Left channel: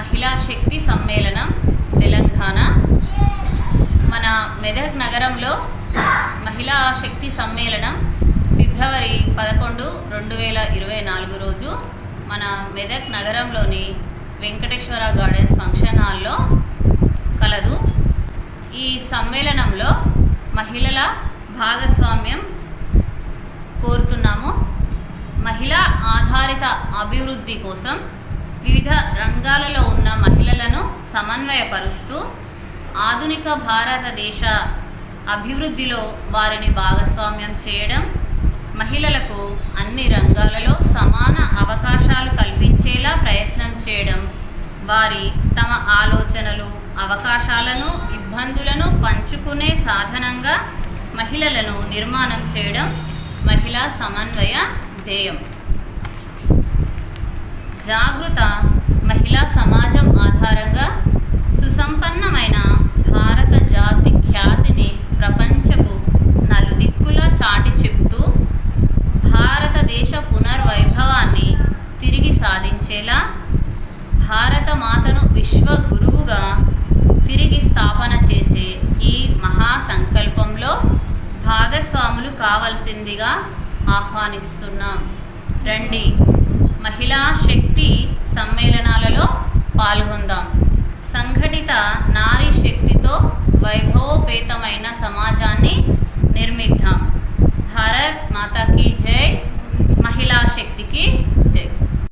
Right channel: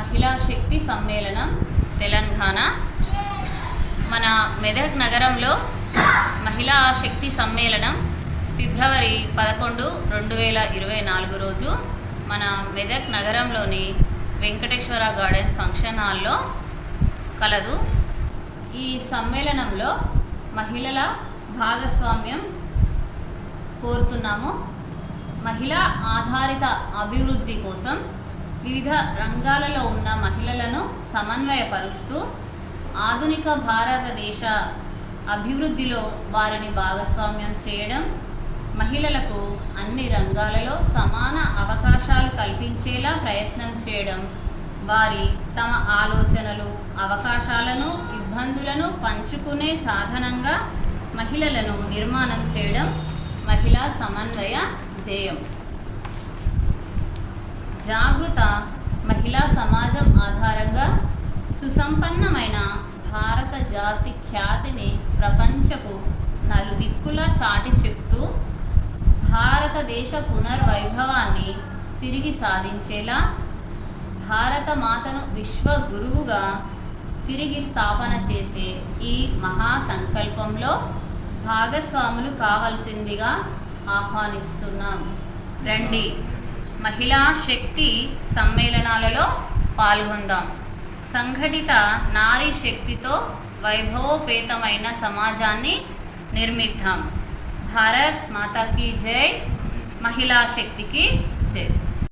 మహిళా శక్తి సమ్మేళనం తెలంగాణ. మన మెదక్ నగరంలో మహిళా శక్తి సమ్మేళనం ఫిబ్రవరి 11, 2024 రోజు మన మెదక్ నగరంలోని వెంకటేశ్వర గార్డెన్స్ ఫంక్షన్ హాల్లో కలదు. ఈ సమ్మేళనంలో మహిళల భాగస్వామ్యం కోరుతున్నాము. మహిళా ఆధారిత అభివృద్ధి కోసం వివిధ రంగాలలో ఉన్న మహిళలను సమన్వయపరుస్తూ ఆధునిక భారతదేశ అభివృద్ధిలో వారిని భాగస్వామ్యం చేయడం, మహిళలకు అన్ని రంగాలలో సమాన అవకాశాలు కల్పించేలా ప్రయత్నం చేయడం, వారి తమ ఆలోచనలు, అవకాశాలను, ఇబ్బందులను పంచుకునే సాధనంగా మహిళలను నిర్మాణం చేయడం మహిళా సమన్వయ ధ్యేయం. జాగృత మహిళా సమాజం ఆధారంగా సుసంపన్నమైన భారత జాతి ఖ్యాతిని ప్రపంచపు నలుదిక్కులా చాటి చెప్తూ భారతదేశ పునర్వైభవాన్ని తిరిగి సాధించేలా భారత మాతను విశ్వ గురువుగా తిరిగి స్థాపన చేసే ఈ మహాసంకల్పంలో భాగస్వాములు కావాల్సిందిగా ఆహ్వానిస్తున్నాం. రండి, మహిళా శక్తి సమ్మేళనాలలో పాల్గొందాం. సంఘటిత నారీ శక్తితో వైభవోపేతమైన సమాజాన్ని నిర్మిద్దాం. భారత్ మాతాకి జై, మహిళా శక్తికి జై.